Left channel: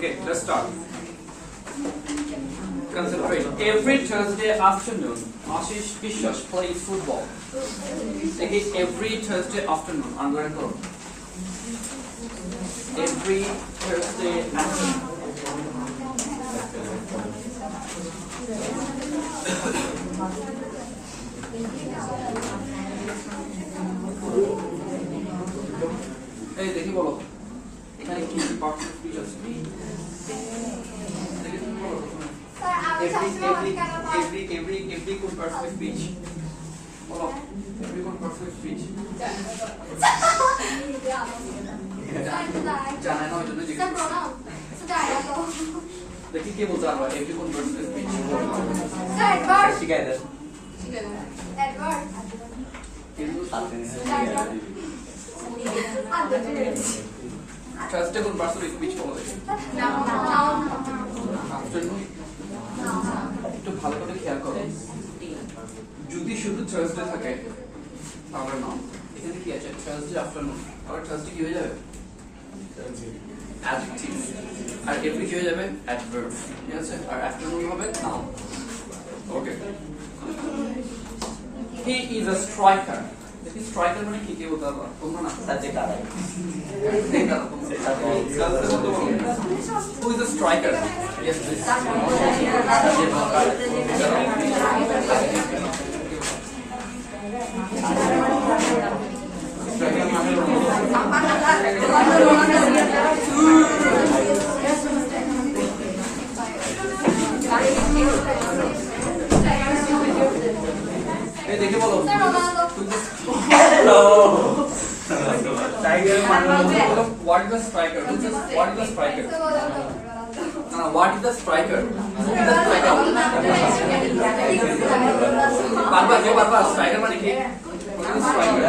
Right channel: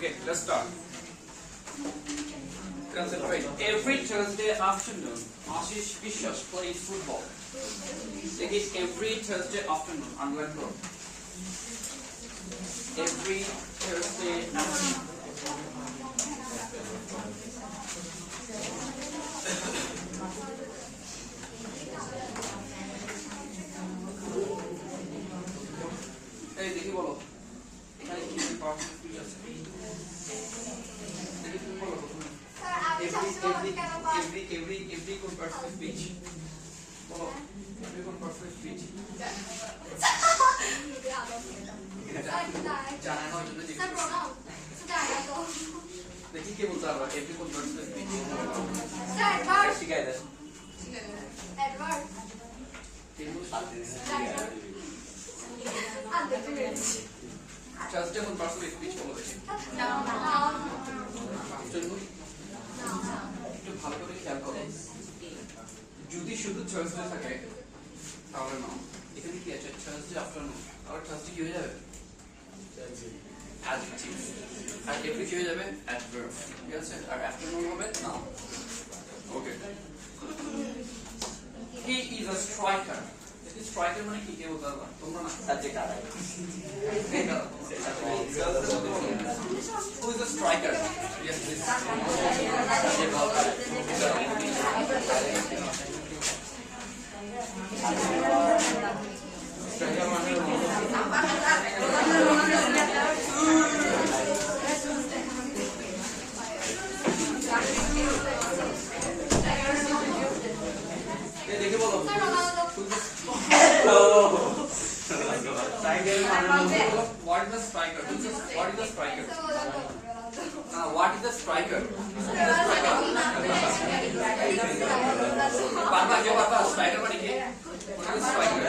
Okay, let's start. Concentrate. Every Thursday afternoon, Ashish Bishwas plays football. Again, every Thursday afternoon. Underline karo. Every Thursday afternoon. এই দেখি বলো এখানে কি parts of speech আছে দেখি তুমি বলো every কোন পার্টস অফ স্পিচ বলো every কোন পার্টস অফ স্পিচ জানা না ওই জন্য জিজ্ঞেস দেখি কে বলতে পারবে every কোন parts of speech sir Edward শিখাই দেন এডওয়ার্ড Thursday কোন পার্টস অফ স্পিচ বলো দেখি আফটারনুন একটু ভালো করে খেয়াল করো যদি শুধু থার্সডে থাকে তাহলে না এখানে কি আছে থার্সডে আফটারনুন তাহলে থার্সডে কি হয়ে যাবে অ্যাডজেক্টিভ আর এভরি কি হয়ে যাবে অ্যাডভার্ব ঠিক আছে আর আফটারনুন হবে noun okay he is a striker দেখি স্ট্রাইকার মানে কি বলতে পারবা তোমরা না সাবজেক্ট আলাদা এই কারণ who is a striker yes please এই দেখে বলো what is the striker what is the striker what is the striker who is the striker বারবার কেউ বারবার স্ট্রাইকার মানে কি what is the striker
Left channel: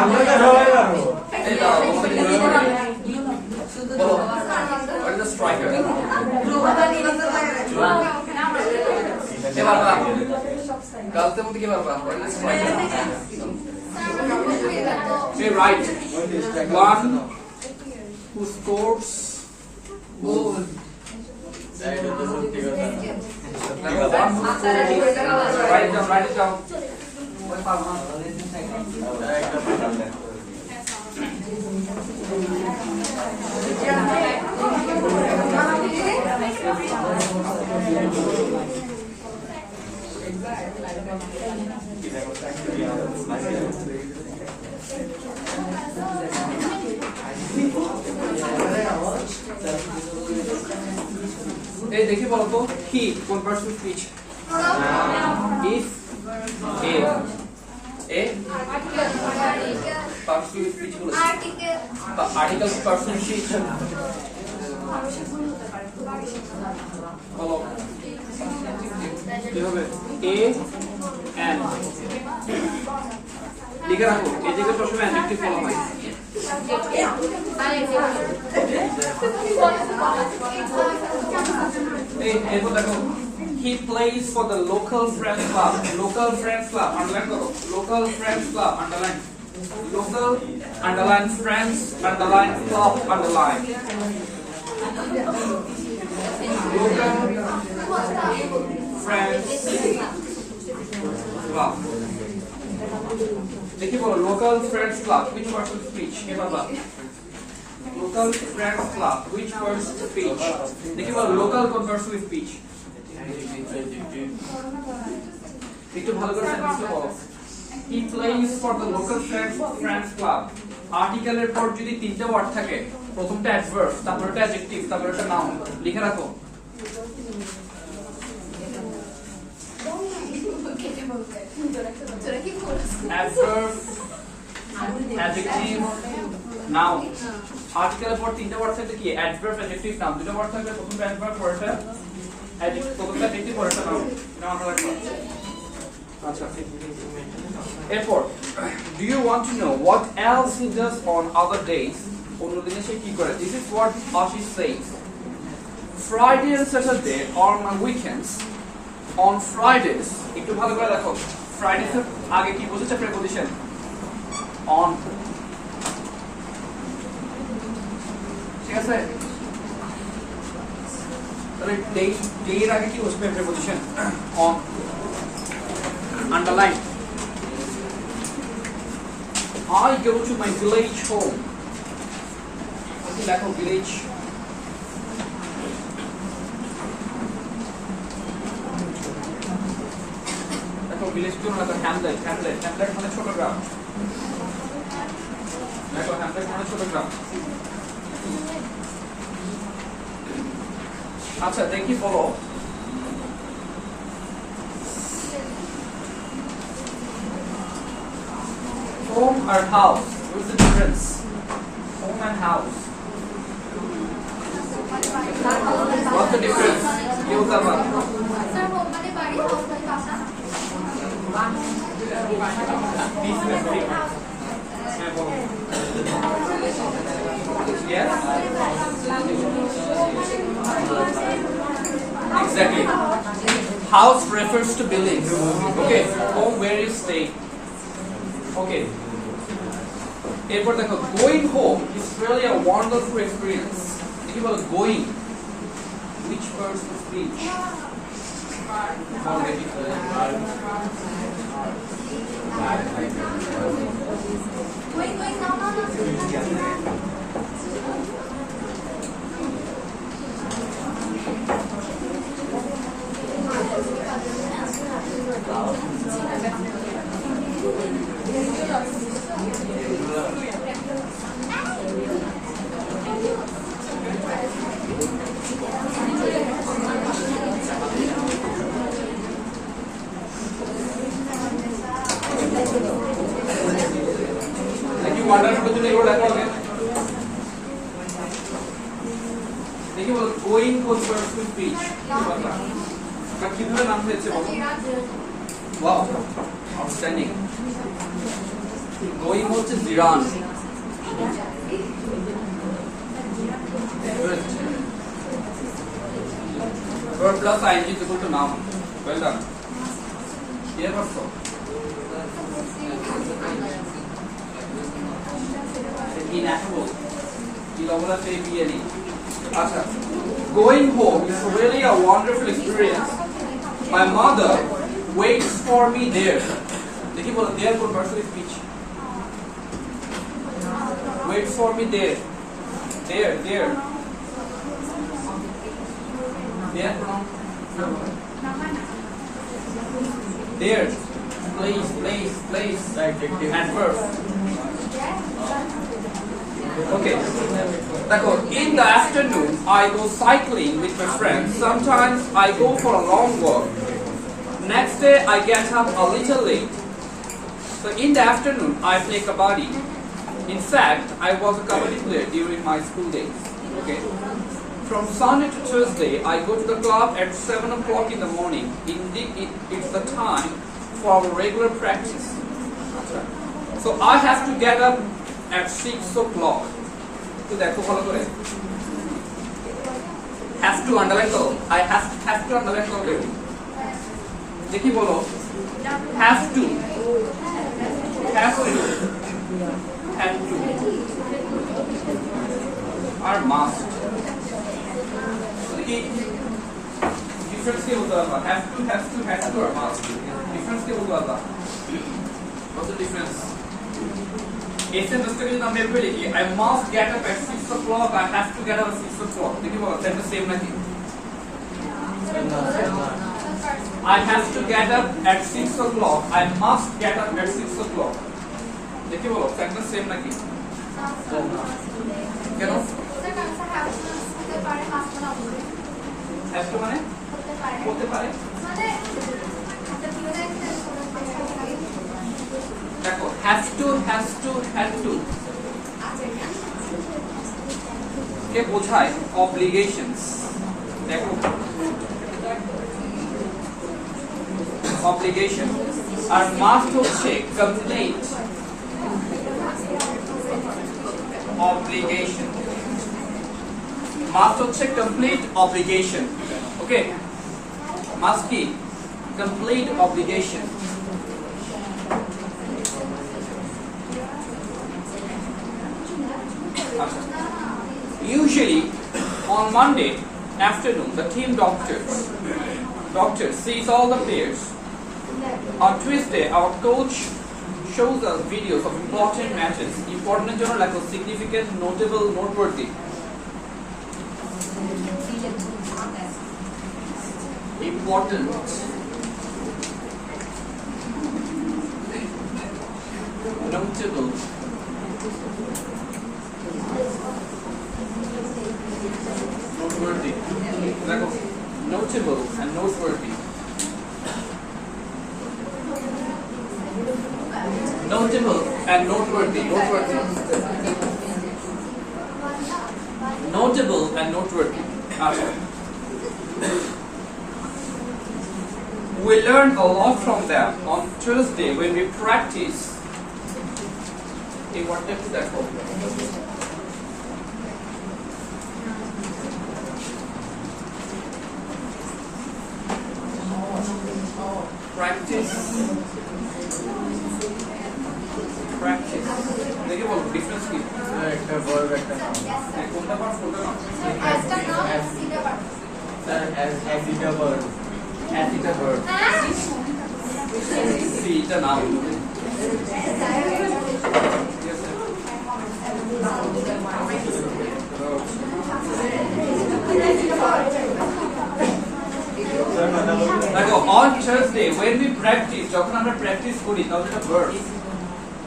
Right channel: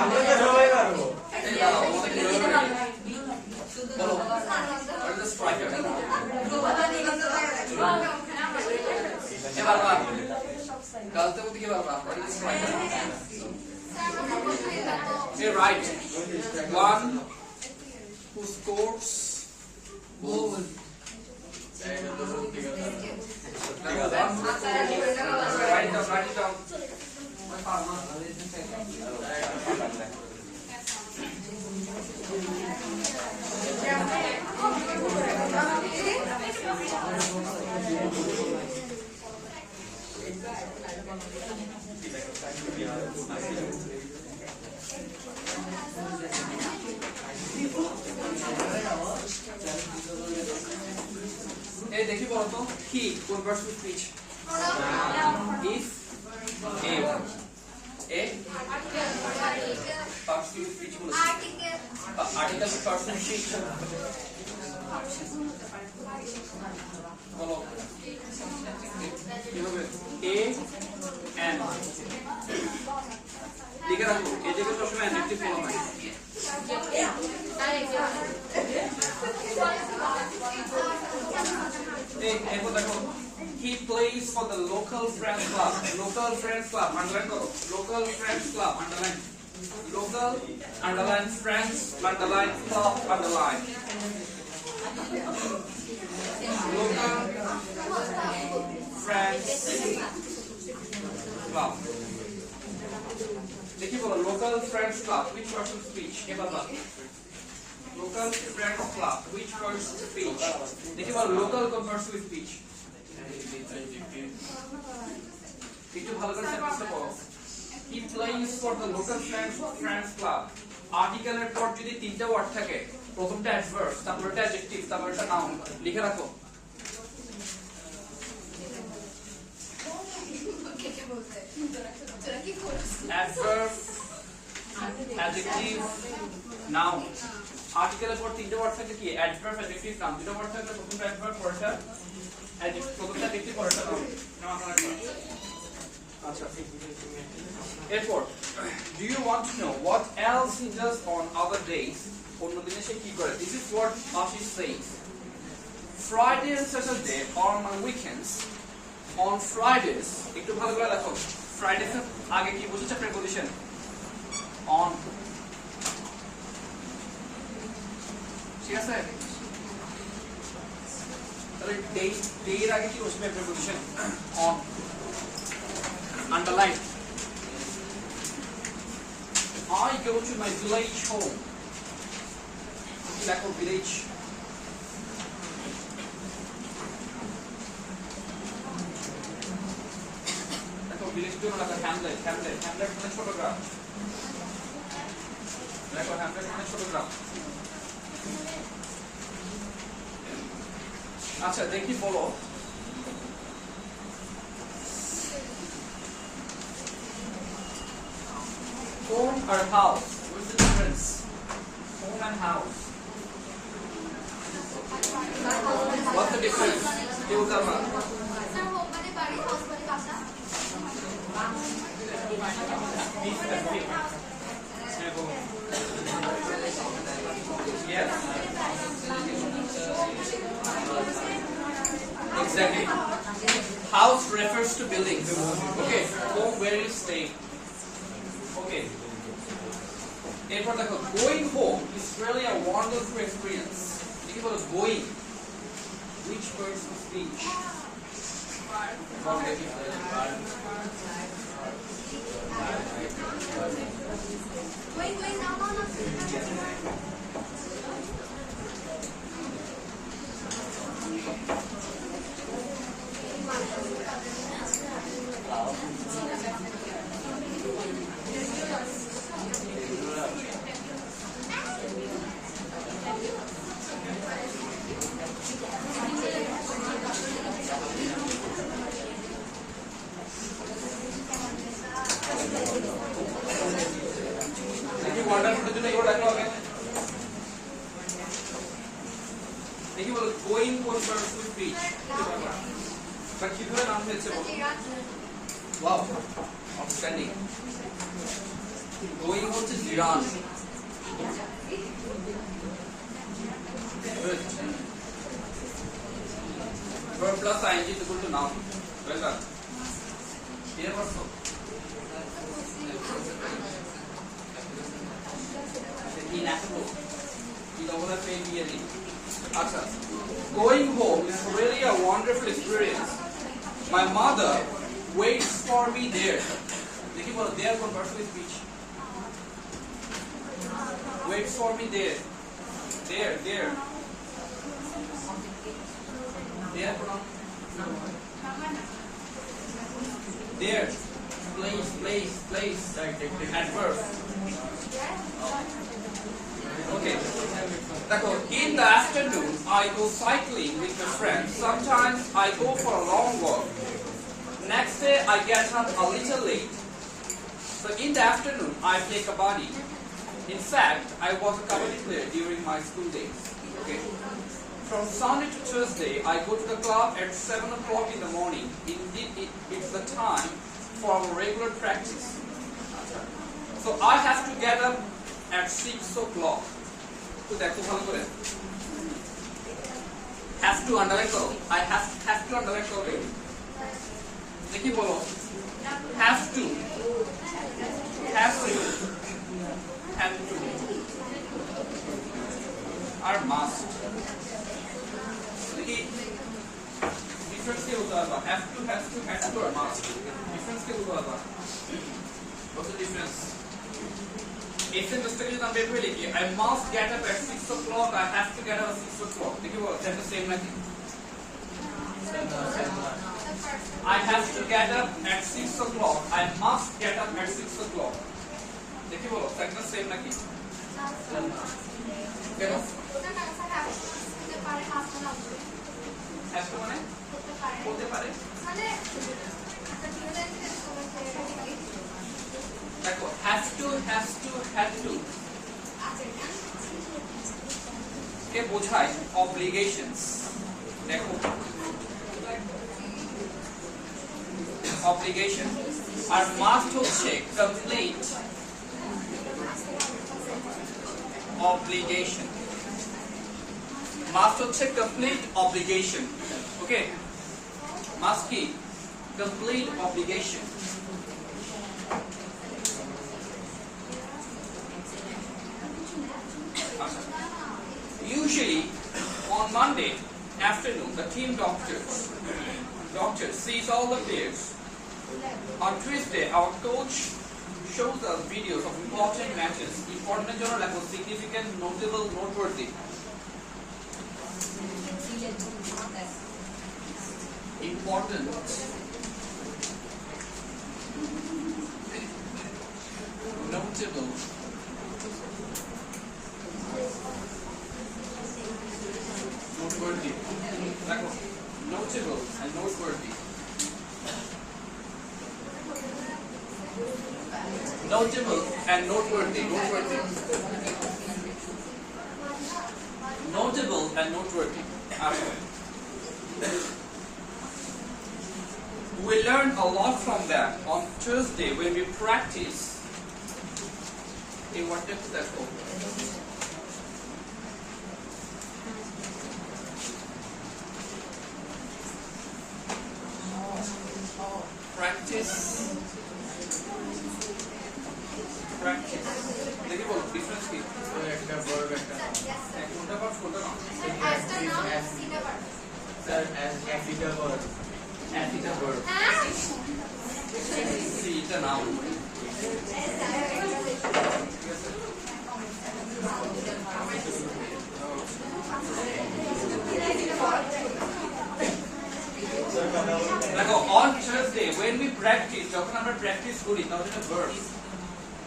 আমরা তো সবাই পারবো এই দাও বলো what is the striker এবার বাবা কালতে মধ্যে কি বারবার what is the striker say right one who scores goal write it down এই দেখি বলো তো হি কোন parts of speech if a parts of speech বলো আর্টিকেল পার্টস অফ স্পিচ বলো কি হবে a and লিখে রাখো এই জায়গায় সবসময় অ্যাডজেক্টিভ বলা হয় এরপর দেখো he plays for the local friends club underline করো local friends club underline local underline friends underline club underline local friends club দেখি বলো local friends club which part of speech কে বাবা local friends club which part of speech দেখি বলো local কোন part of speech একটু ভালো করে সেন্টেন্সটা বলো he plays for the local friends club আর্টিকেলের পর যদি তিনটা ওয়ার্ড থাকে প্রথমটা অ্যাডভার্ব তারপরটা অ্যাডজেক্টিভ তারপরটা নাউন লিখে রাখো adverb adjective noun আর্টিকেলের পর তিনটা ওয়ার্ড থাকলে কি adverb adjective noun দুটো ওয়ার্ড থাকলে প্রথমটা adverb পরেরটা adjective প্রথমটা adjective পরেরটা noun এটা মাথায় রাখবে আচ্ছা এরপর do you want to know what else he does on other days অন্য দিনে সে কি করে this is what Ashish says Friday and Saturday are my weekends on Fridays একটু ভালো করে দেখো Fridays এর আগে কি বুঝেছে preposition on ঠিক আছে তাহলে ডে এর আগে কি বসবে preposition on underline I go to my village home দেখো village দেখো village কি মানে hamlet মানে ছোট গ্রাম দেখো hamlet মানে ছোট গ্রাম আচ্ছা দেখি বলো home or house what's the difference home and house what's the difference you tell me sir home মানে বাড়ি হাউস মানে বাসা yes exactly house refers to buildings okay home where you stay okay এরপর দেখো going home is really a wonderful experience think about going which person speech Going no দেখি water জন্য এগুলো লেখা হবে দেখি বলো গোয়িং কোন পারসন স্পিচ বা কিভাবে নাম হয়েছে বলো ওয়াও আউটস্ট্যান্ডিং গোয়িং হচ্ছে জিরান verb plus ing is equal to noun well done here also ineffable Acha. Going home is really a wonderful experience. My mother waits for me there. देखिए बोलो there for personal speech. Waits for me there. There. There pronoun. There. Place. Adverb. Okay. In the afternoon, I go cycling with my friends. Sometimes I go for a long walk. Next day, I get up a little late. So in the afternoon, I play kabaddi. In fact, I was a kabaddi player during my school days. Okay. From Sunday to Tuesday, I go to the club at 7 o'clock in the morning. Indeed, it's the time for our regular practice. So I have to get up at 6 o'clock. To দেখো ভালো করে have to underline করো I have to underline করো দেখি বলো have to আর must দেখি difference কি বলতে পারবা have to আর must ডিফারেন্স কি বলতে পারবা what's the difference Essence of study number लिखिए I must get up at 6 o'clock. I have to get up at 6 o'clock. देखिए बोलो सेम सेम नहीं I have to get up at 6 o'clock. I must get up at 6 o'clock. देखिए बोलो same नहीं क्या no have to माने होते पारे देखो have to के বোঝায় obligations देखो obligation আর must হচ্ছে complete obligation must হচ্ছে complete obligation okay must কি complete obligation Usually on Monday afternoon, the team doctor sees all the players. On Tuesday, our coach shows us videos of important matches, important like significant, notable, noteworthy. Important. Notable. Noteworthy. Notable and noteworthy. Notable and noteworthy. Notable and noteworthy. We learn a lot from them on Tuesday when we practice. What is that for? Practice. देखिए वो difference की. একটা verb একটা noun. कोणता part photo ना? as का नाम सीधे पढ़ Sir, as it a verb. As it a verb. See it a noun. Yes, sir. Sir, কথা বলুন. দেখো on Thursday when we practice, যখন আমরা practice করি তাহলে এটা verb.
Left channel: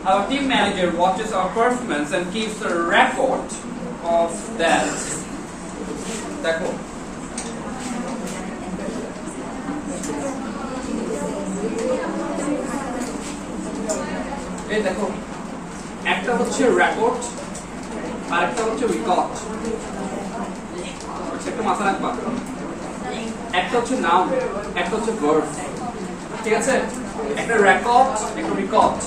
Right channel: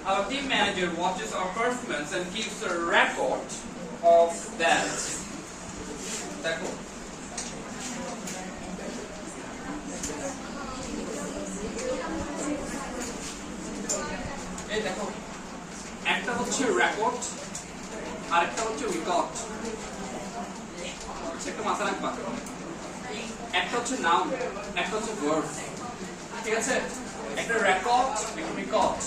Our team manager watches our performance and keeps a record of that. দেখো এই দেখো একটা হচ্ছে রেকর্ড আর একটা হচ্ছে রেকর্ড একটা মাথা রাখবা একটা হচ্ছে নাউন একটা হচ্ছে ভার্ব ঠিক আছে একটা রেকর্ড একটা record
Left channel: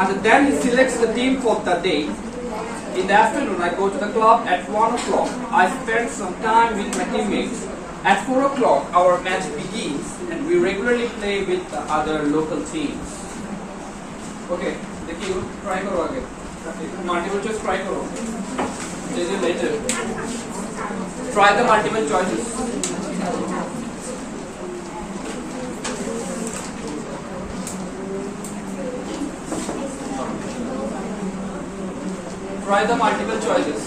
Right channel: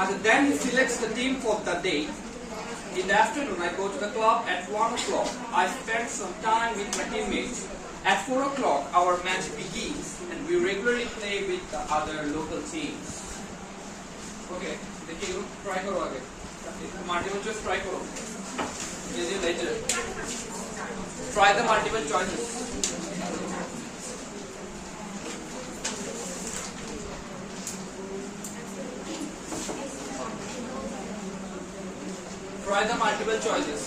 and then he selects the team for the day. In the afternoon I go to the club at 1 o'clock. I spend some time with my teammates. At 4 o'clock our match begins and we regularly play with the other local teams. Okay, देखिए try करो आगे. Multiple choice try करो. This is later. Try the multiple choices. Try the multiple choices.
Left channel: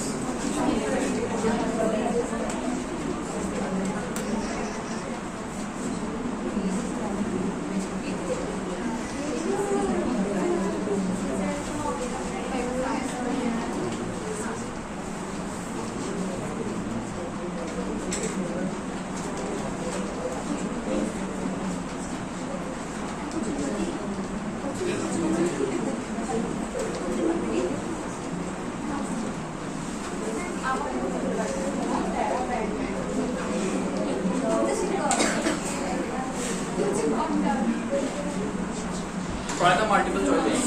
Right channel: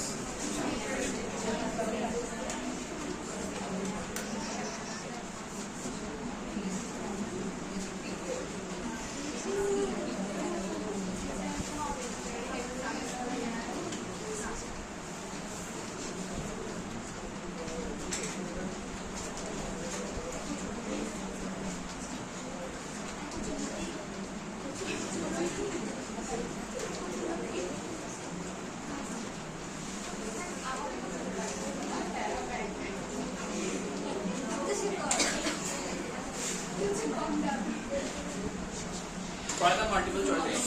Try the multiple choices.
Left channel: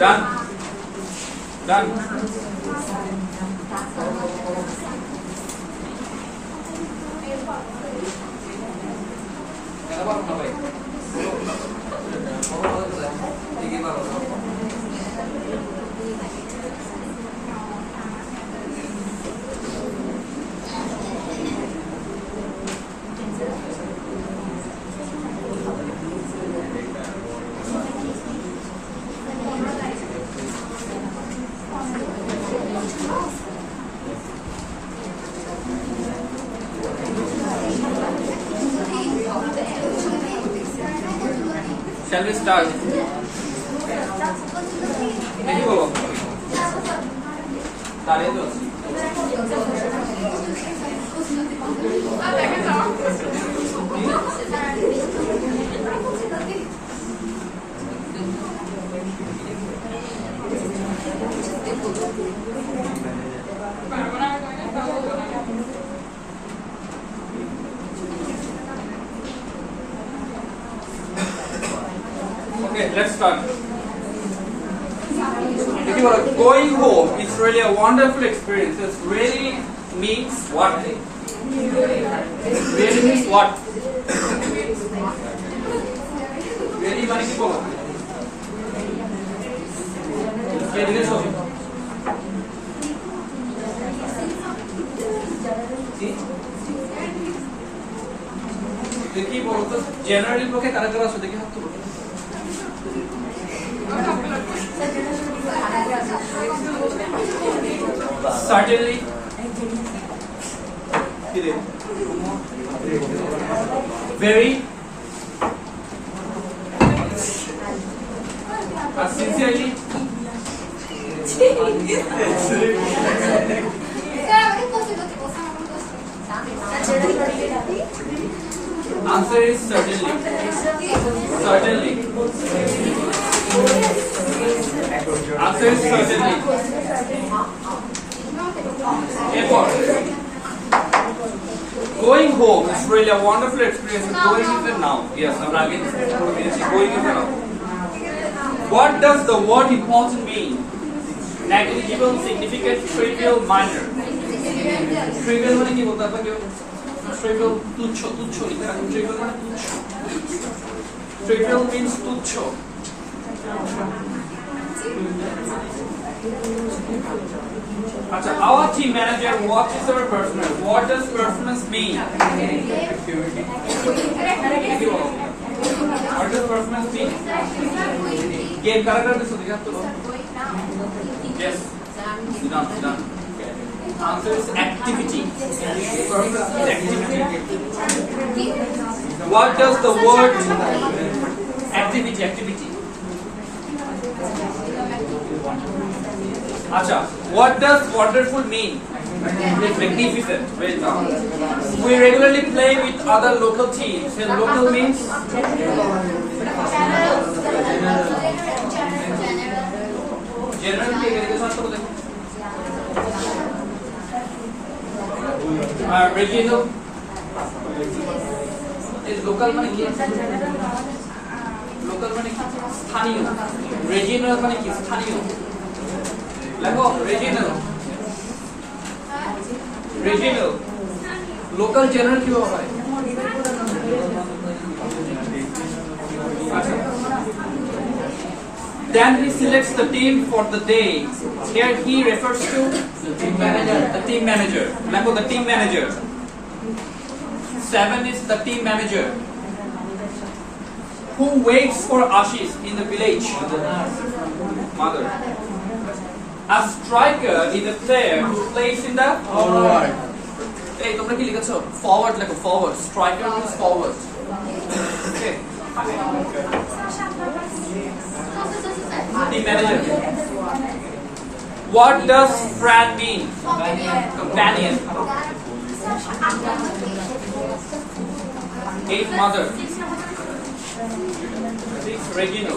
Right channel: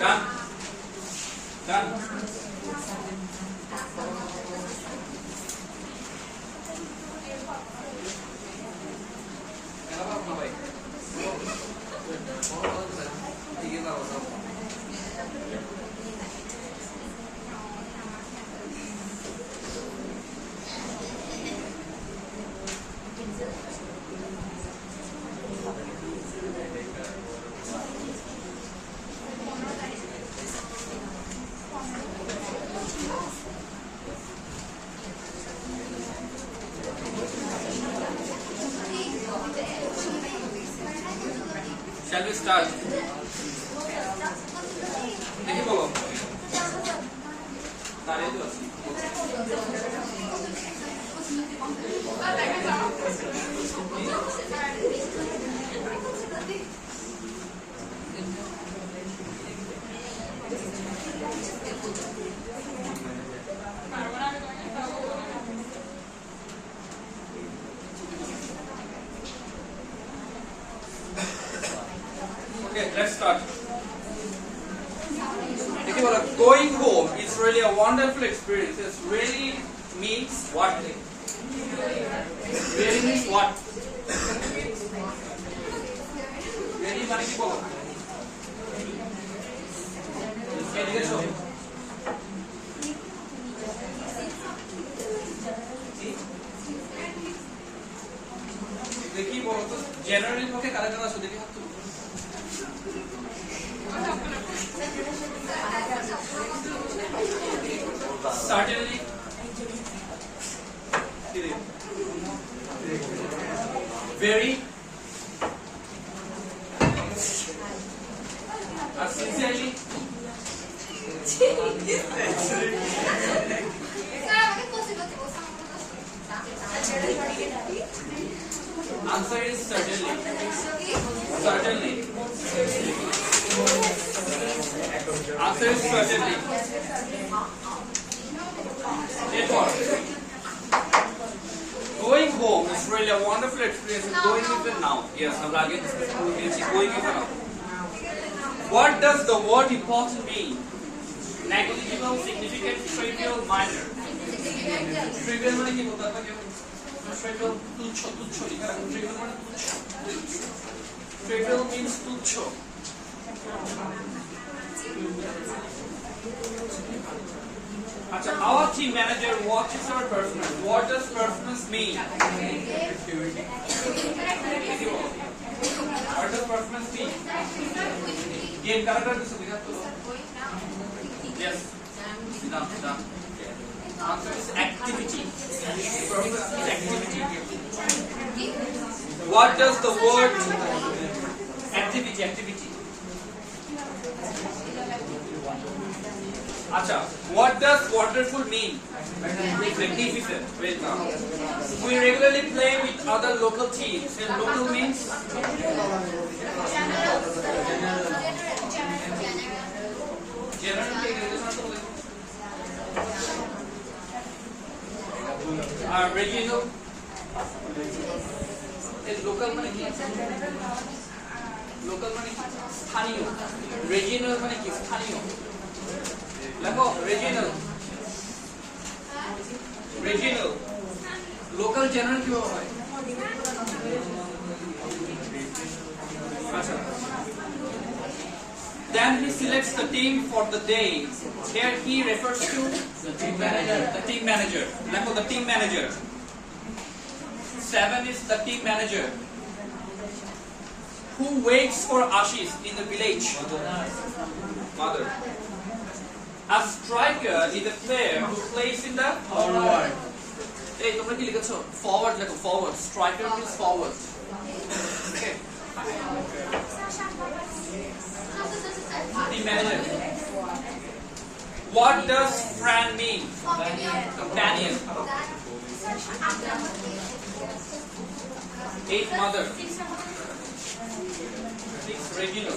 Done. Done. Kenapa harus ngapain? Ini gimana? Shall we start? Ini bolo. Tadi itu. Okay, let's start. দেখি বলো, going home is really a wonderful experience. It really means what? Really means what? Really মানে কি বলো? কে লিখেছো? দেখি বলো তো, generally পক্ষে কারা কারা আছে দেখি হাত তুলো। Certainly. Very. Sincerely. স্যার আমাকে কোসে করতে বলছেন Answer is certainly. Certainly. Answer is certainly. Therefore, going home is really a wonderful experience. Going is a noun. Yes, I'm again going is a noun. What does the word important mean? Negligible, significant, trivial, minor. Trivial মানে কি বলতে হবে কেউ? Trivial তুচ্ছ, তুচ্ছ লিখা। Trivial মানে তুচ্ছ। Trivial means তুচ্ছ। আচ্ছা, our team manager watches our performance. What does performance mean? What does performance mean? Game কারা কারা দিছো দেখা তো? Yes. Done. Answer is activity. Performance is activity. What does the word activity? Acha, what does wonderful mean? Magnificent. Well done. We regularly play with other local teams. And local means general. Regional. Is local মানে কি? Local মানে কি? স্থানীয়। Regional মানে কি? স্থানীয়। লেখো regional. Local general কি হয়? আচ্ছা। Then he selects the team for the day. Here he refers to the team manager. Lembo, the team manager. 7 is the team manager. Who waits for Ashish in the village? Mother. A striker is a player who plays in the Forward. Hey, তোমরা কি লিখেছো? Forward লেখো, forward. Striker means forward. Okay. Team manager. What does friend mean? Companion. 8 mother. 6 Regino.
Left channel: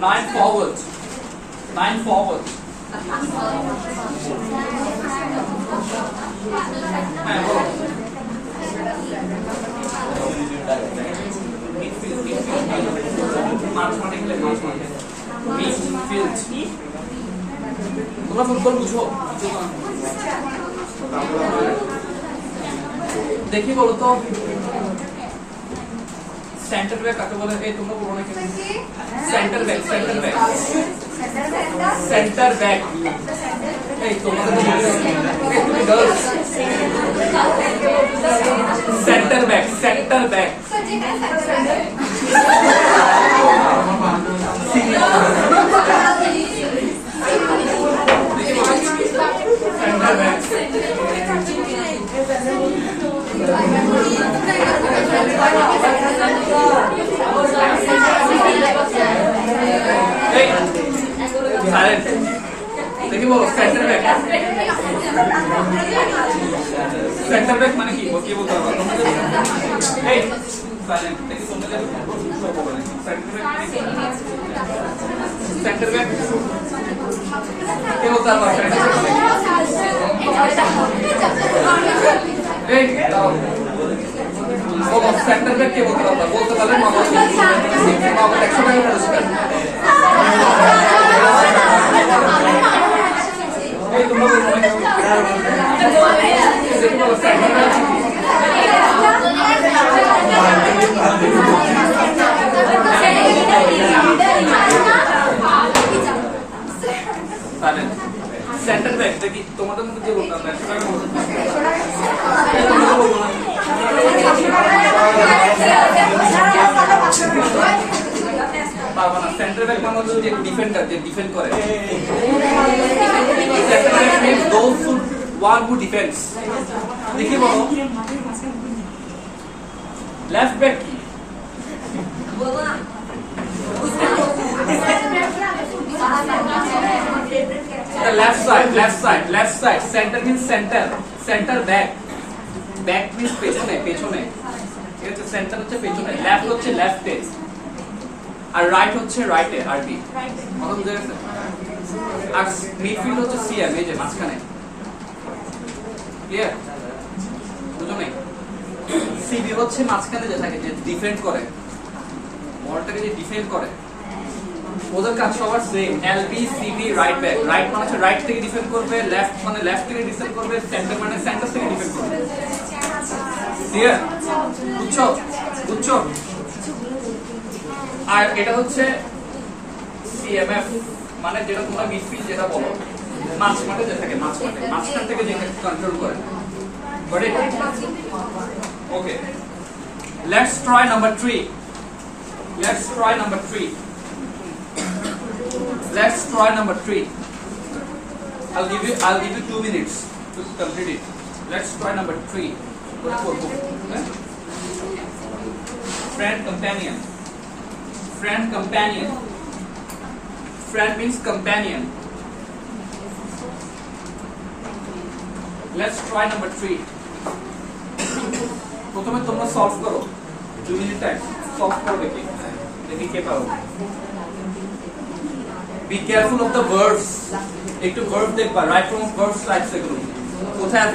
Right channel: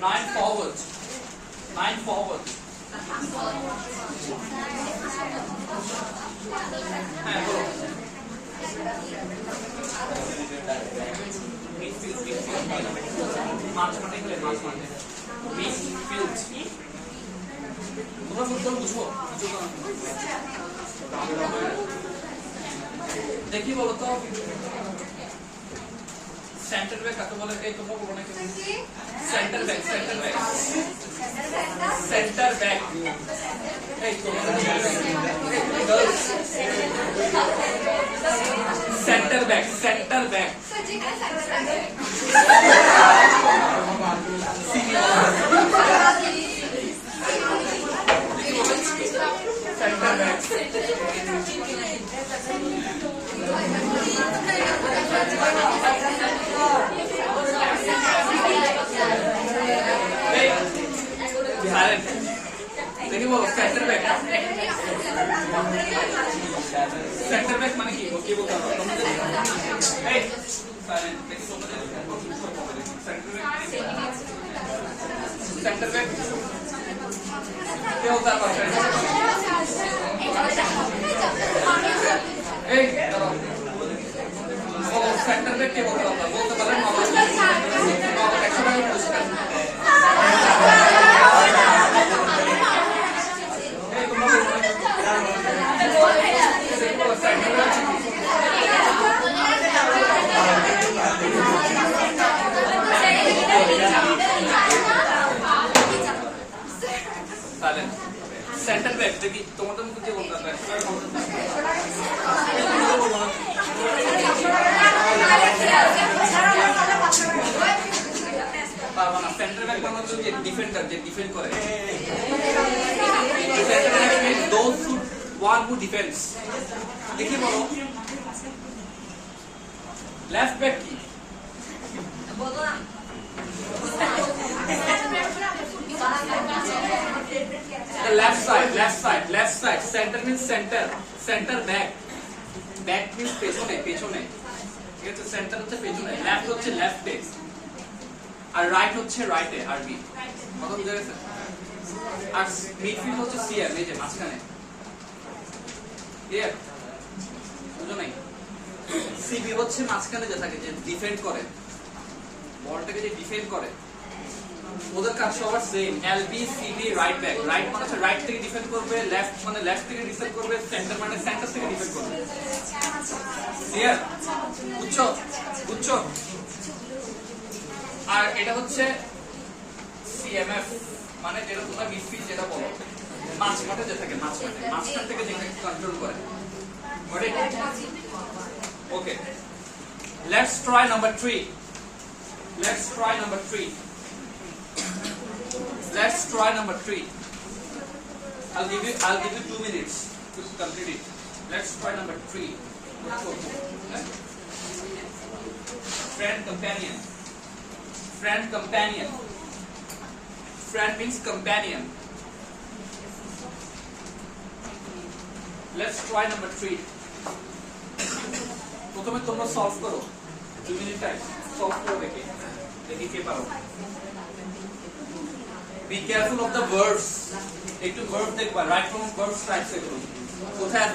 9 forward. 9 forward. তোমরা football বুঝো? দেখি বলো তো, centre back কাকে বলে? এই তোমরা বলো না কেন? সেন্টার ব্যাক এই তোমাদের তো তুমি girls centre back centre back দেখি বলো সেন্টার ব্যাক মানে কি বলতে হবে? এই সাইলেন্ট দেখি তোমাদের সেন্টার ব্যাক কে বলতে পারবে? এই সেন্টার ব্যাক কে বলতে পারবা বলতে পারলে নগদ 100 টাকা পুরস্কার এই তোমরা বলবো সেন্টার ব্যাক দেখি তোমাদের মধ্যে যে বলতাম 100 টাকা পারবা না সেন্টার ব্যাক মানে হচ্ছে যে ডিফেন্ডার যে ডিফেন্ড করে centre back means those one who defends দেখি বলো লেফট ব্যাক কি বলবো না the left side center means center back means পেছনে ঠিক আছে সেন্টার হচ্ছে পেছনে লেফট হচ্ছে লেফটে আর রাইট হচ্ছে রাইটে আরবি মানে বুঝা গেছে আর মিডফিল্ড হচ্ছে সিএম এই যে মাঝখানে ক্লিয়ার বুঝো নাই সিবি হচ্ছে মাঝখানে যে থাকে যে ডিফেন্ড করে বলটাকে যে ডিফেন্ড করে ওদের কাজ সবার same LB CB right back right মানে হচ্ছে রাইট থেকে ডিফেন্ড করবে লেফট মানে লেফট থেকে ডিফেন্ড করবে সেন্টার মানে সেন্টার থেকে ডিফেন্ড করবে ক্লিয়ার বুঝছো আর এটা হচ্ছে সিএমএফ মানে যেটা তোমরা মিডফিল্ড যেটা বলো মাঝমাঠে যে থাকে মাঝখান থেকে যেটা কন্ট্রোল করে got it okay let's try number 3 Let's try number 3. I'll give you 2 minutes to complete it. Let's try number 3. Okay. Friend companion. Friend means companion. Let's try number 3. প্রথমে তোমরা সলভ করো 2 মিনিট টাইম সলভ করো দেখি কে পারো Be careful of the verbs. একটু verb দেখবা right from verbs types এগুলো কোথায়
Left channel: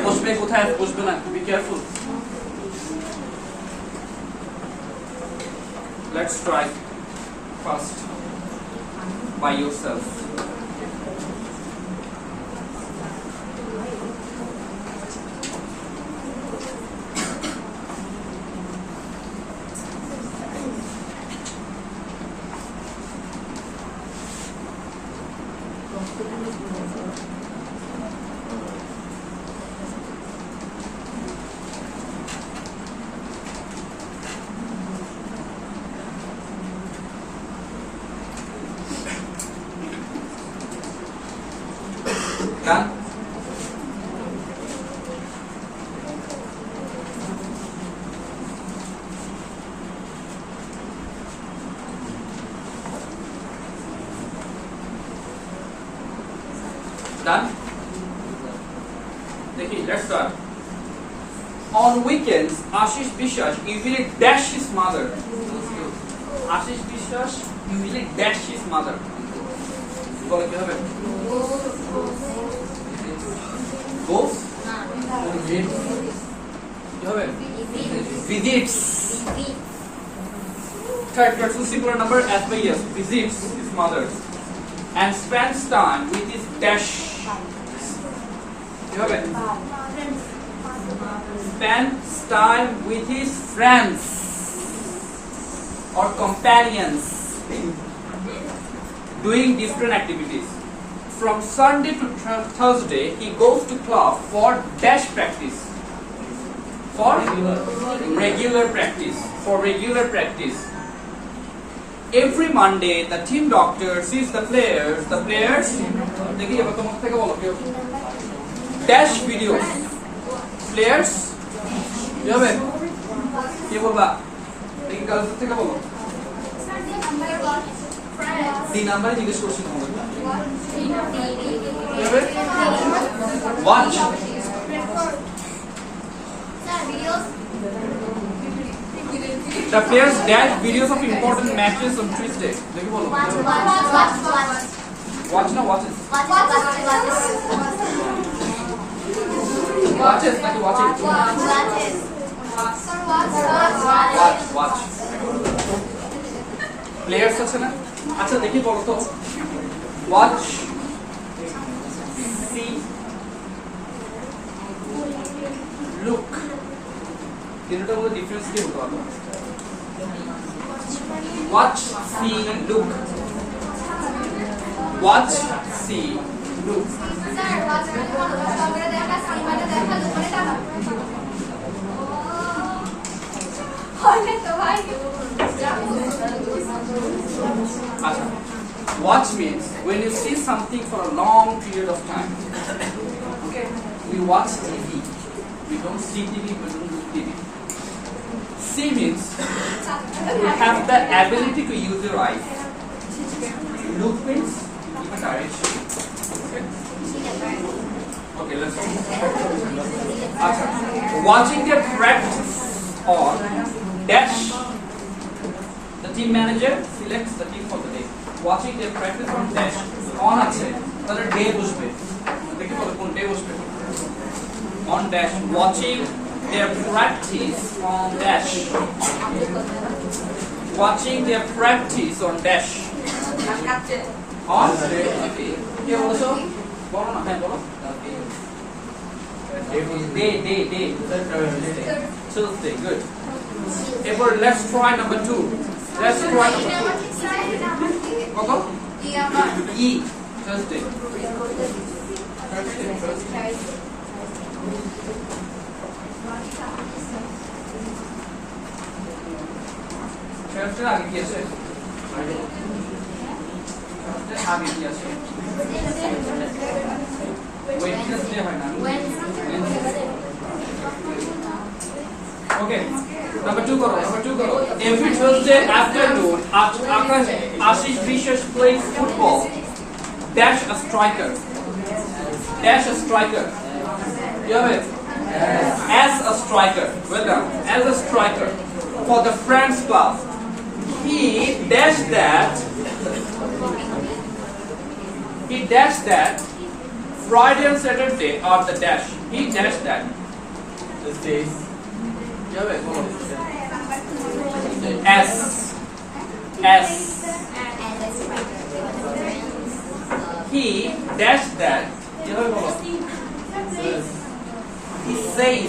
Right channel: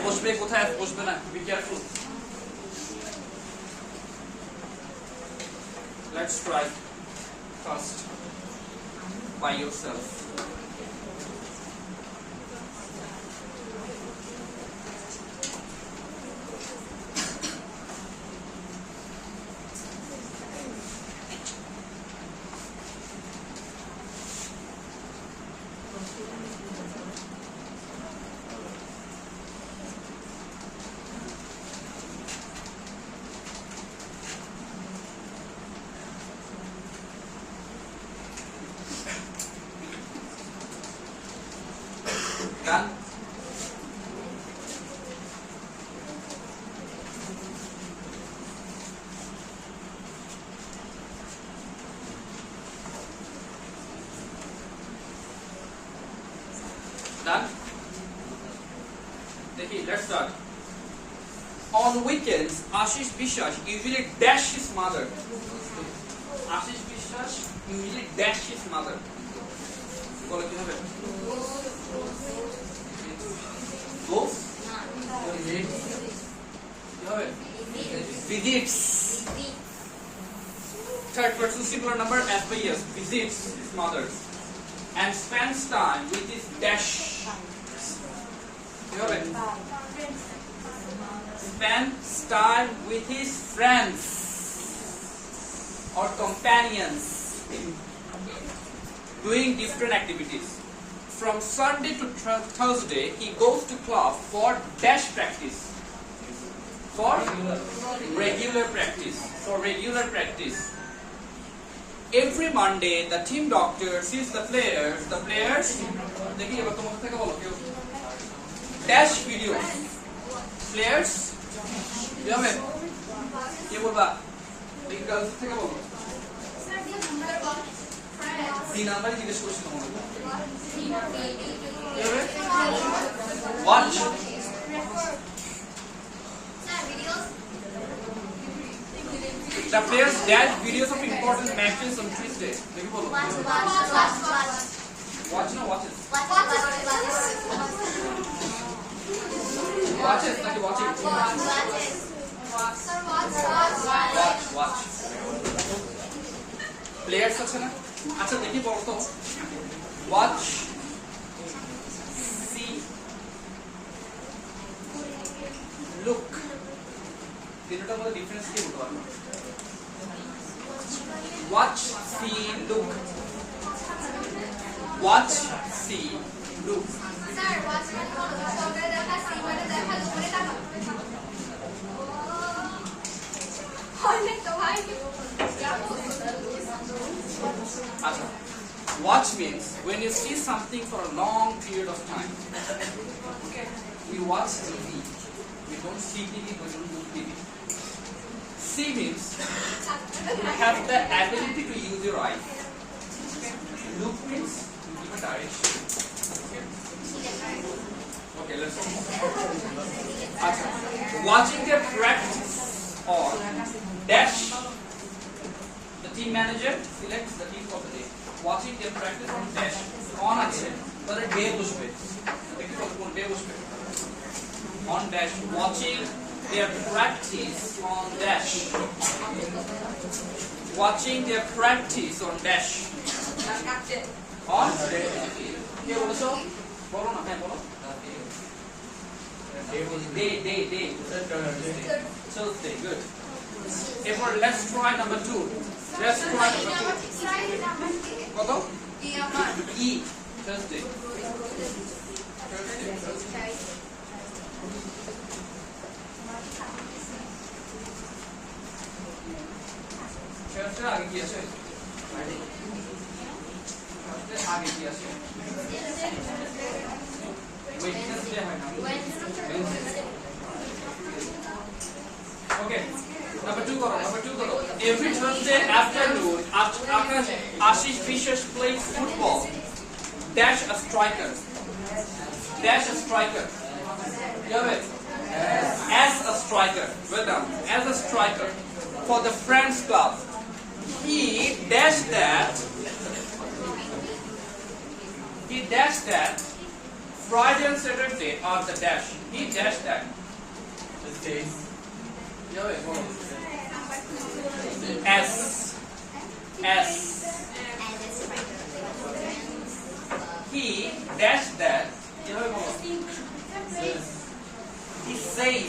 বসবে না be careful. Let's try first by yourself. Done? Done? Let's start. On weekends, Ashish Biswas usually dash his mother. Ashish Biswas usually dash his mother. বলে কি হবে? Goes? কি হবে? Visits. Third person singular number as by yes. Visits his mother and spends time with his dash. কি হবে? Spends time with his friends or companions. Doing different activities. From Sunday to Thursday, he goes to class for dash practice. For regular practice. Every Monday, the team doctor sees the players. देखिए अब तुम उससे क्या बोलोगे? Dash videos. Players. क्या है? ये बोलबा. देखिए कल उससे क्या बोलो? तीन नंबर जिसके क्वेश्चन होंगे watch the players dash videos of important matches on Tuesday देखिए बोलो watch ना watches watches প্লেয়ার্স আছে না? আচ্ছা দেখি বলো তো, ওয়াচ, সি, লুক, তিনটার মধ্যে ডিফারেন্স কি হতে পারো? Watch, see, look. Watch, see, look. Sir watch মানে মনোযোগ সহকারে দেখা, সি মানে দেখা, লুক মানে দেখা। হয় তো ভাই। Acha. Watch means when you see something for a long period of time. Okay. We watch TV. We don't see TV, we don't do TV. See means you have the ability to use your eyes. Look means you give a direction. Okay. Okay, let's go. Acha. Watching their practice or dash. The team manager selects the team for the day. Watching their practice on dash on আছে তাহলে day বসবে দেখি বলো কোন day বসবে on dash watching their practice on dash watching their practice on dash on কে বলছো বলো না হ্যাঁ বলো day Tuesday good এরপর let's try number 2 let's try number 2 কত ই Thursday Thursday আগে কি আছে আগে কি আছে Wednesday হয় না Okay. Number 2 karo. Every Thursday afternoon, after Ashish Vishwas plays football, dash a striker. Dash a striker. You have it? As a striker. Well done. As a striker. For the Friends Club. He dashed that Friday and Saturday are the dash. He dashed that. Tuesdays. S. He dashed that. He says.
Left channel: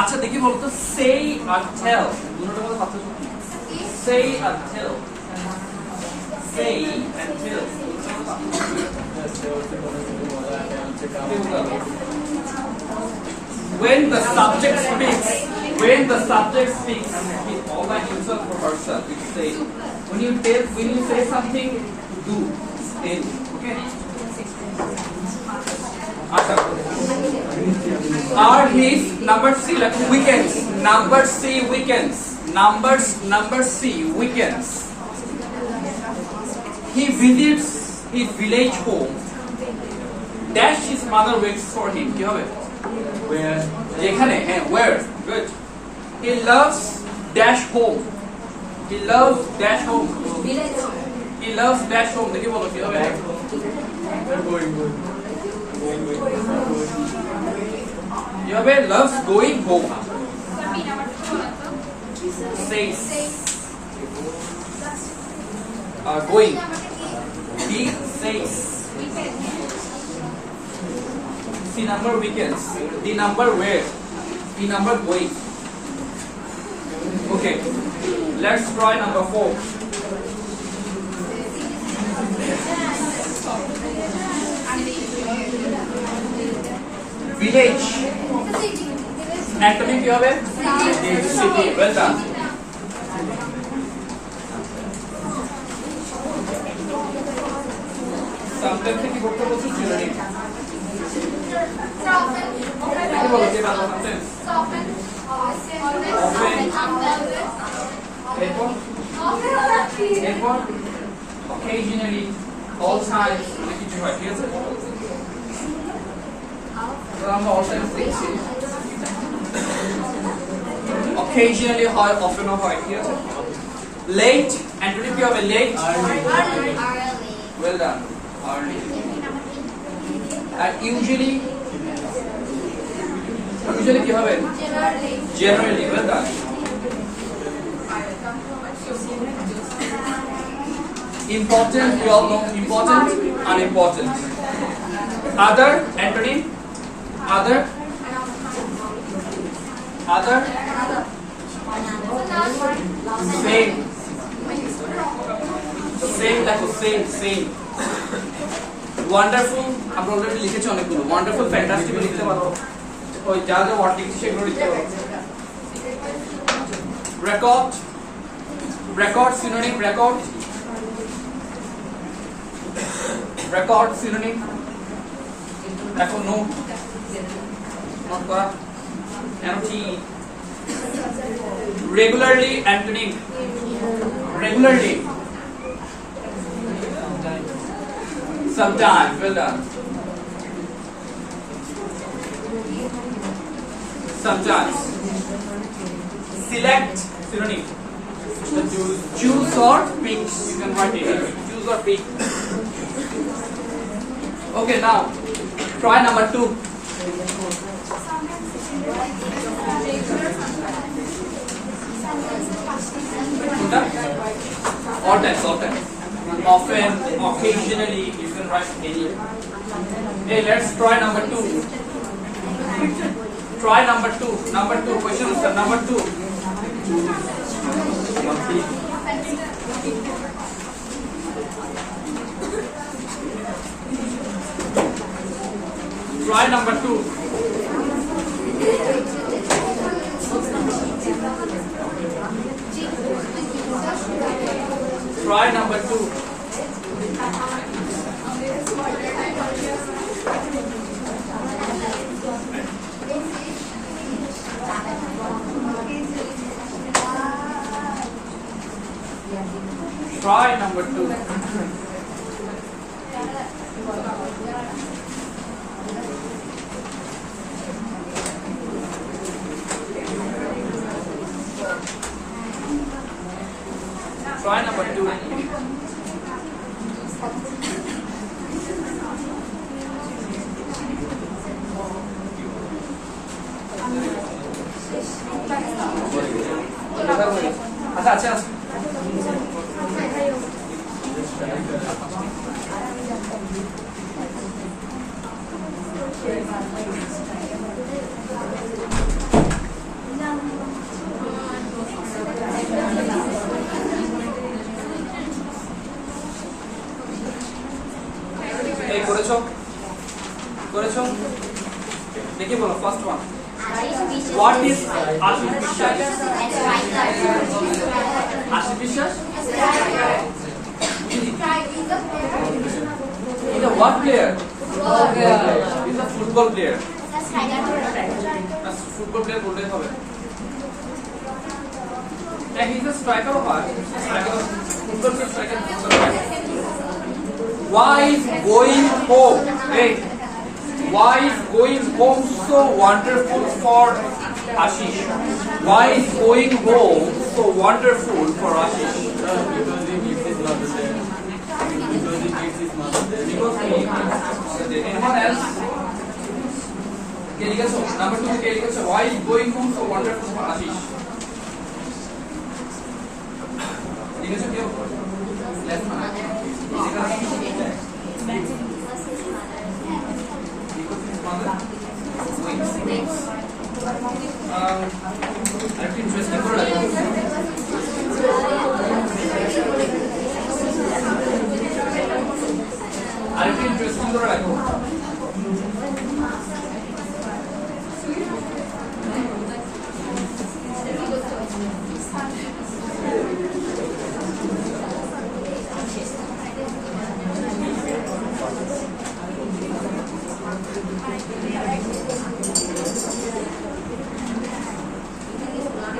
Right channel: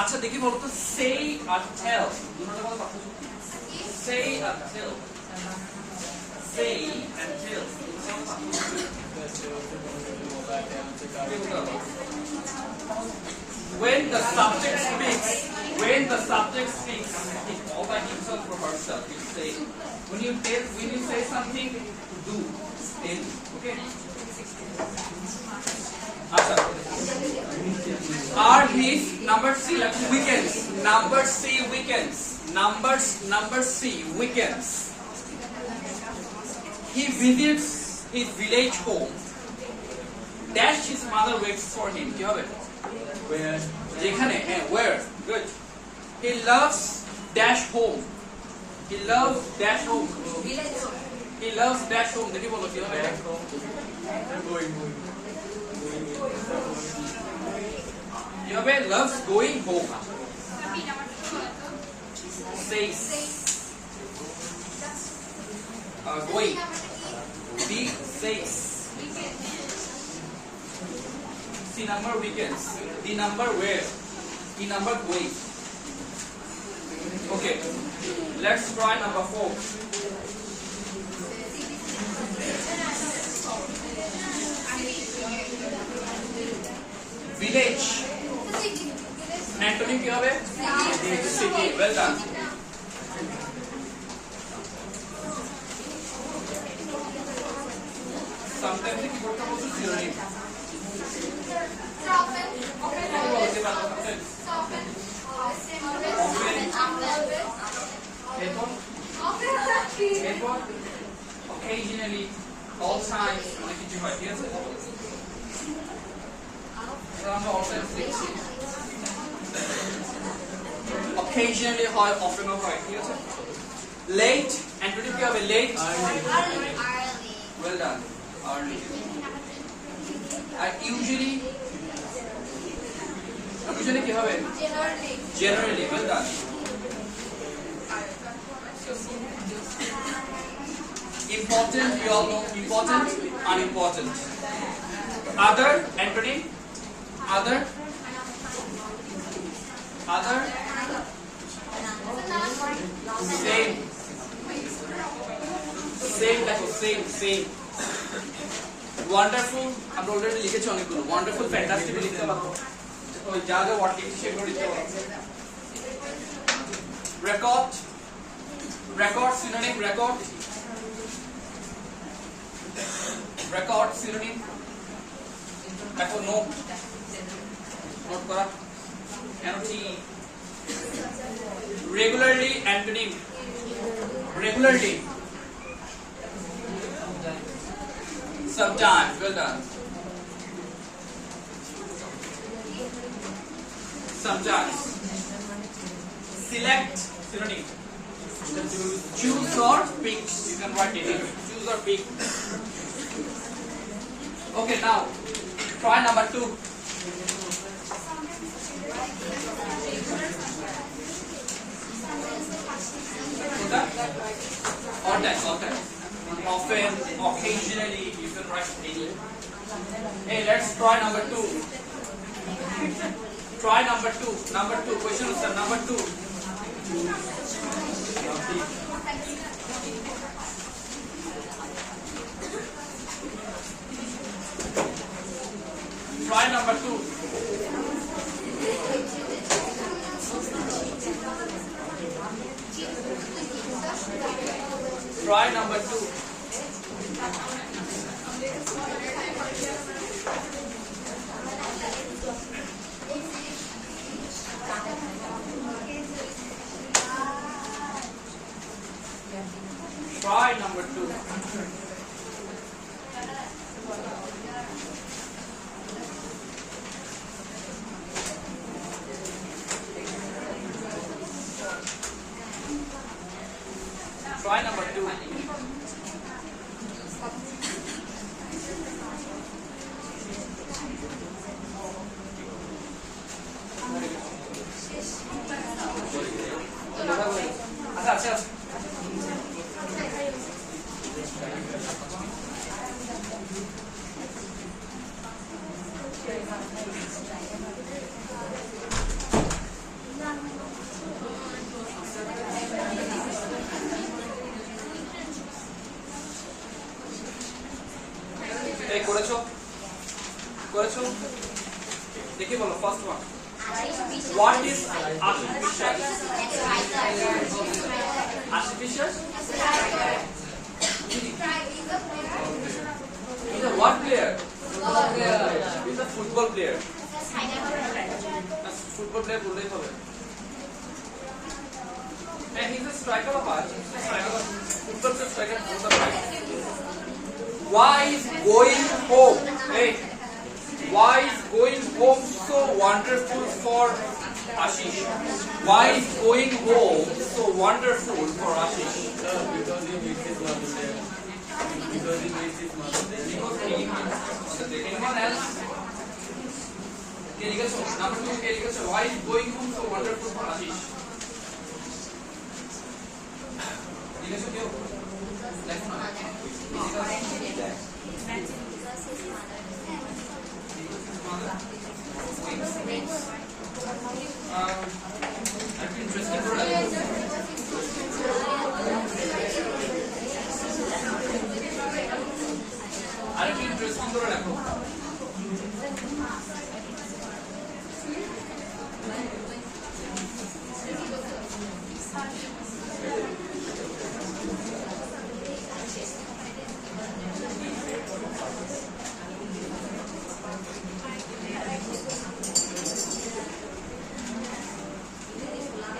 আচ্ছা দেখি বলতো say আর tell দুটোর মধ্যে পার্থক্য কি? Say R tell. Say and tell. When the subject speaks, he's all by himself or herself. You say when you say something, do tell. Okay. Are his number C like weekends? Number C weekends. Number C weekends. He visits his village home. Dash his mother waits for him. কি হবে? Where? যেখানে হ্যাঁ where good he loves dash home he loves dash home দেখি বলো কি হবে কি হবে loves going home says going he says C number weekends. D number where? E number going. Okay. Let's try number 4. Village. Antonym কি হবে? City. Well done. Sometimes কি করতে বলছো journey. Occasionally, all times, occasionally, often late, and if you have a late, well done, early, and usually কি হবে generally well done Important, you all know. Important, unimportant. Other, antonym. Other. Other. Same. Same দেখো same. Wonderful আমরা already লিখেছি অনেকগুলো। Wonderful, fantastic লিখতে পারো। ওই যা যা ওয়ার্ড লিখেছি সেগুলো লিখতে পারো। Record. Record synonym record. Record synonym. দেখো নোট করা। NOTE. Regularly antonym. Regularly. Sometimes. Well done. Sometimes. Select synonym. Choose or pick. You can write it. Choose or pick. Okay, now try number 2. All times. Often, occasionally, you can write daily. Hey, let's try number 2. Try number 2. Number 2. Question answer. Number 2. Try number 2. Try number 2. Try number 2. Try number 2. আচ্ছা এই করেছো দেখি বলো first one What is artificial? Artificial? He's a what player? He's a football player. Football player বলতে হবে। And he's a striker of what? Football player striker. Why is going home? Hey. Why is going home so wonderful for Ashish? Why is going home so wonderful for Ashish? Because he needs his mother there. Because he needs his mother there. Because he needs his mother there. Anyone else? Okay, number 2. Okay, why is going home so wonderful for Ashish? Interesting product. আরেকটা interesting করে রাখো।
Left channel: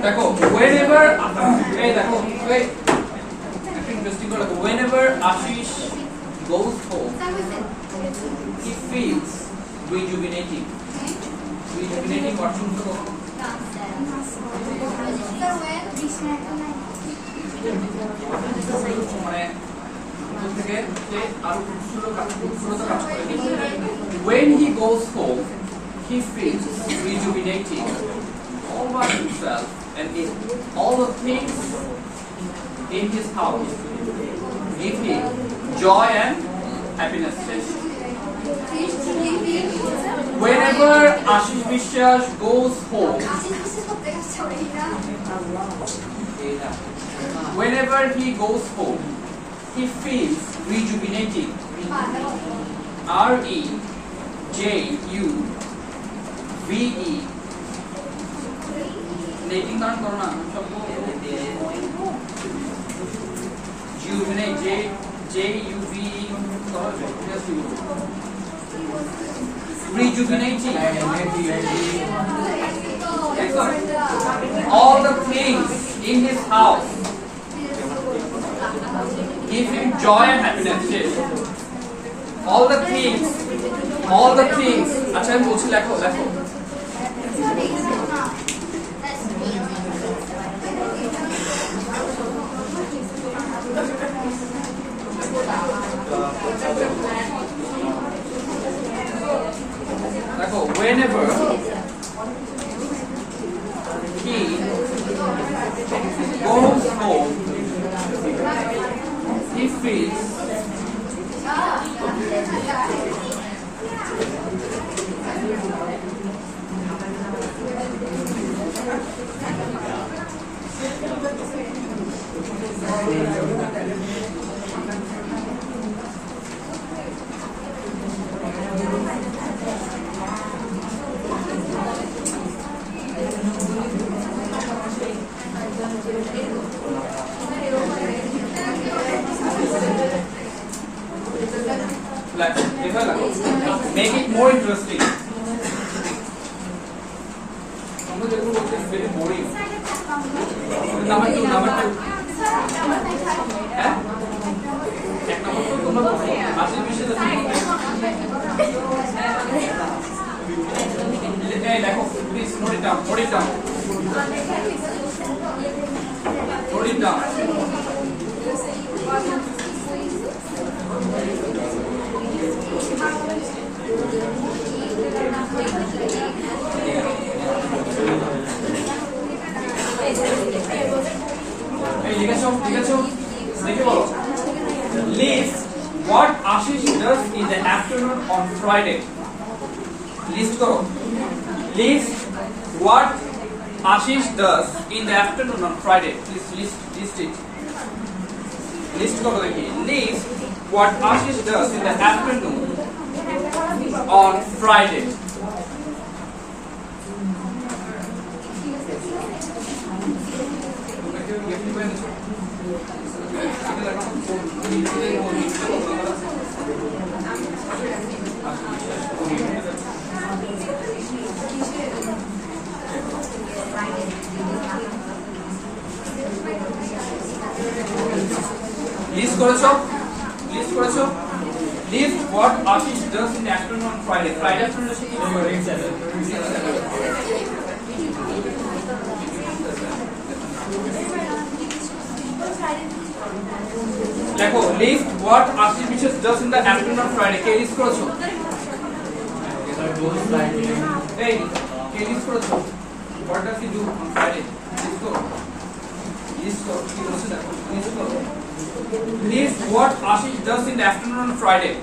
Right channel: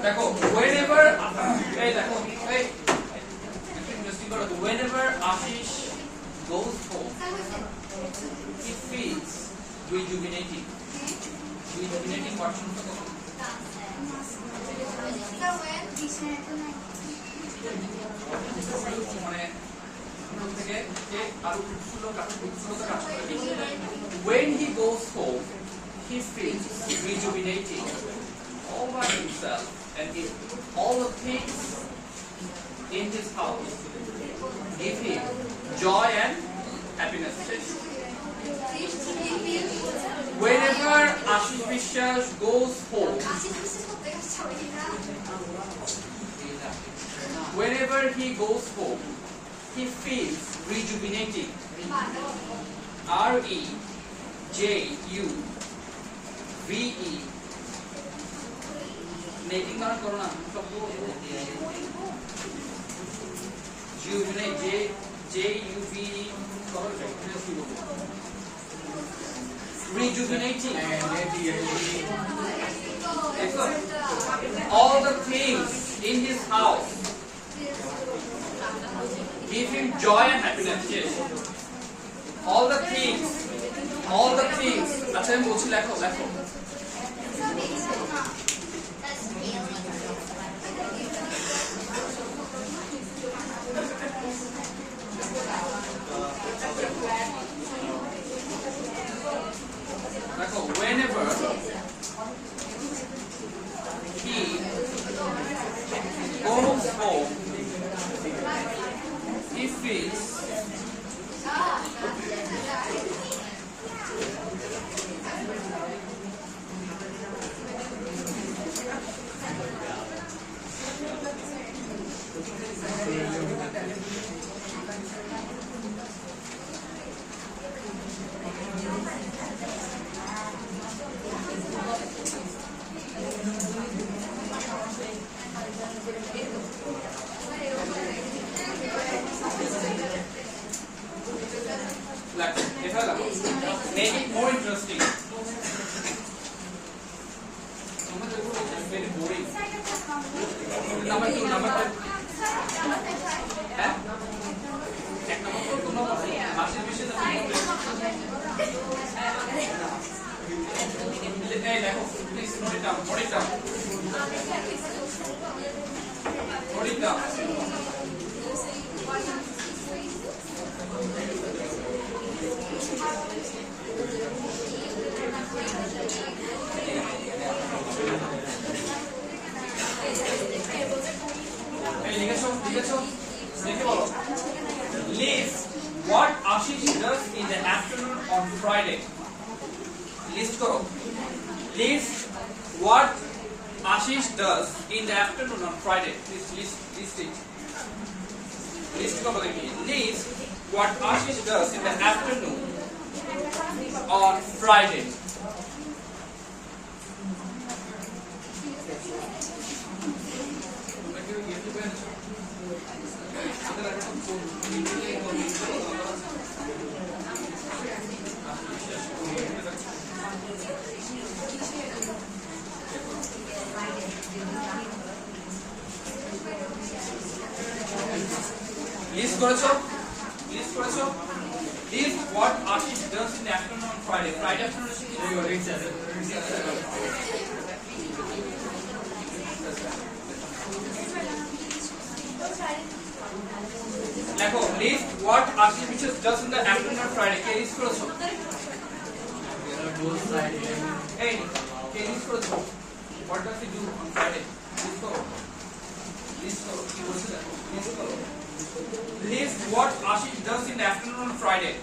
দেখো whenever এই দেখো এই একটা interesting করে রাখো whenever Ashish goes home he feels rejuvenating what শুনছো তো মানে থেকে যে আরো উৎসুকতা কাজ করে when he goes home he feels rejuvenating over himself and in all the things in his house give him joy and happiness. Whenever Ashish Vishwas goes home, whenever he goes home, he feels rejuvenating. REJUVE netting नाम करो ना सबको जुवेनेट JUVE rejuvenating all the things in his house give him joy and happiness. Yes. all the things अच्छा मैं बोलছি লেখো देखो whenever he goes home he feels make it more interesting. It's very boring. Number two. Please note it down. List what Ashish does in the afternoon on Friday. List karo. List what Ashish does in the afternoon on Friday. Please list it. List karo dekhi. List what Ashish does in the afternoon on Friday. List করেছো? List what Ashish does in the afternoon on Friday. Friday afternoon is দেখো list what Ashish Vishwas does in the afternoon on Friday. কে list করেছো? এই কে list করেছো? What does he do on Friday? List করো কি বলছে দেখো list করো. List what Ashish does in the afternoon on Friday.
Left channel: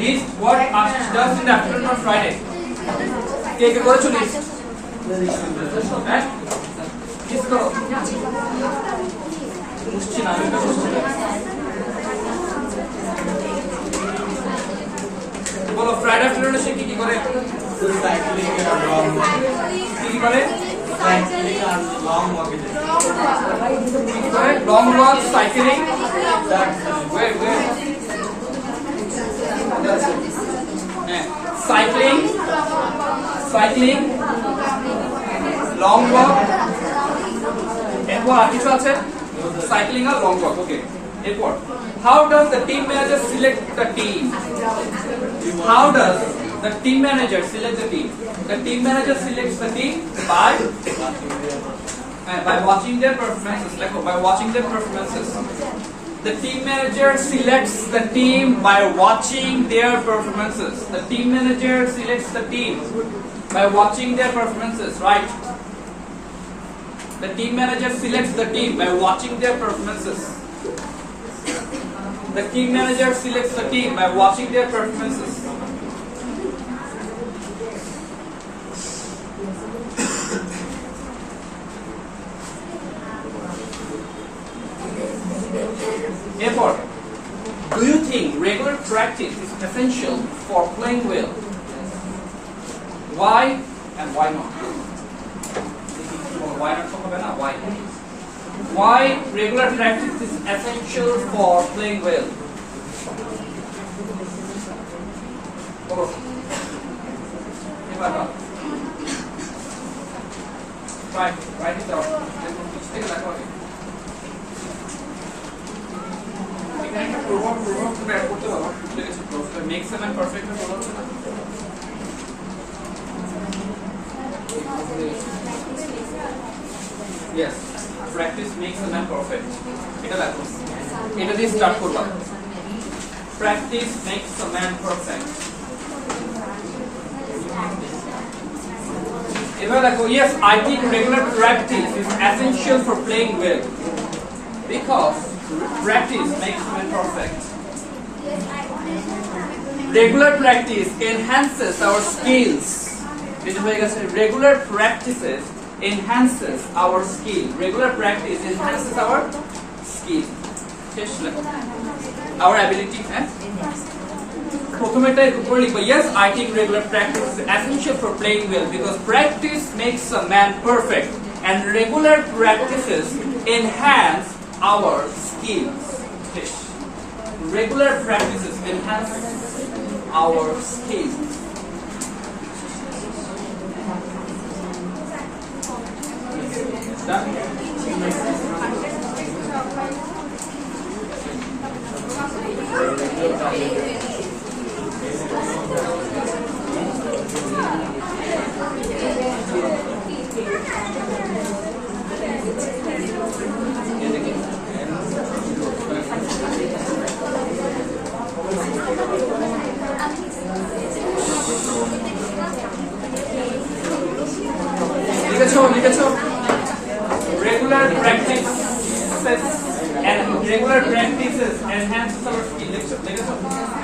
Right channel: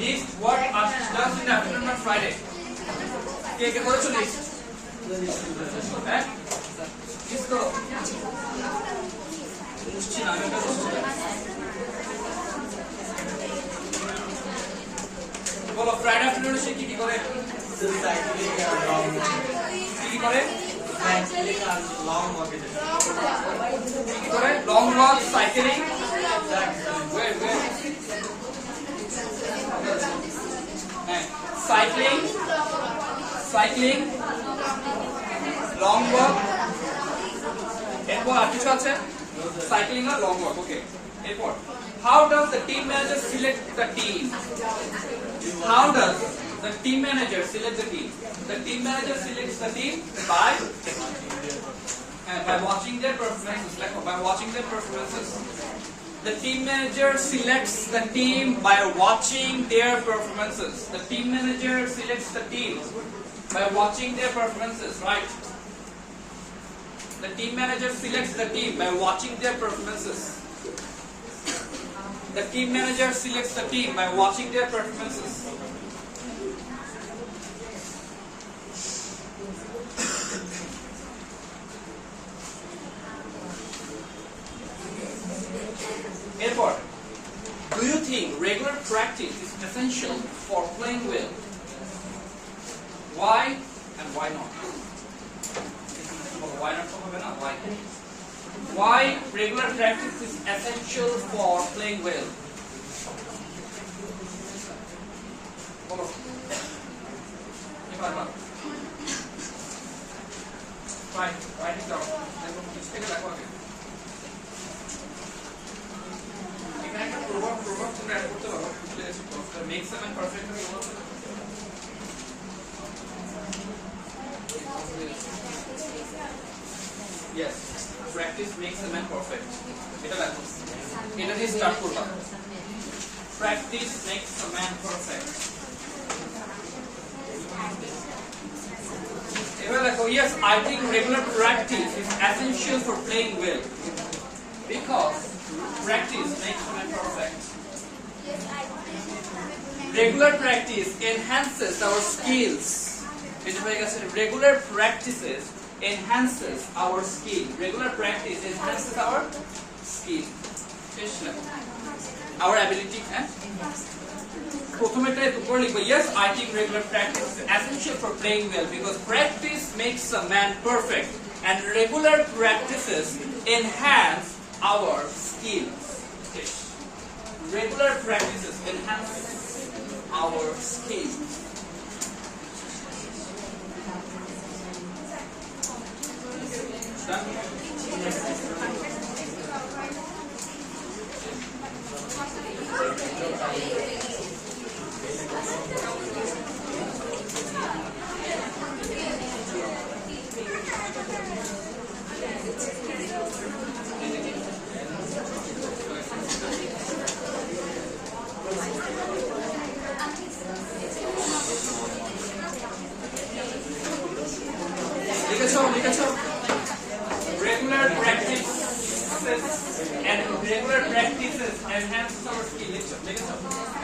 List what Ashish does in the afternoon on Friday. কে করেছো লিস্ট? হ্যাঁ লিস্ট করো। বুঝছি না আমি এটা বুঝছি না। বলো ফ্রাইডে আফটারনুনে সে কি করে? কি করে? Long walk, cycling, cycling, long walk, এরপর আর কিছু আছে? সাইক্লিং আর লং ওয়াক, ওকে। এরপর how does the team manager select the team? How does The team manager selects the team. The team manager selects the team by watching their performances. By watching their performances. The team manager selects the team by watching their performances. The team manager selects the team by watching their performances, right? The team manager selects the team by watching their performances. The team manager selects the team by watching their performances. Therefore, do you think regular practice is essential for playing well? Why and why not? Why not? Why? Why regular practice is essential for playing well? Right, write it down. Let's take a look at it. Makes them perfect. Yes, practice makes a man perfect. এটা দিয়ে start করবা। Practice makes a man perfect. এবার দেখো, yes, I think regular practice is essential for playing well because practice makes a man perfect. Regular practice enhances our skills. Regular practices enhances our skill. Regular practice enhances our skill. Our ability. Yes, I think regular practice is essential for playing well because practice makes a man perfect and regular practices enhance our skills. Regular practices enhance our skills. Done? Regular practices enhance our skill.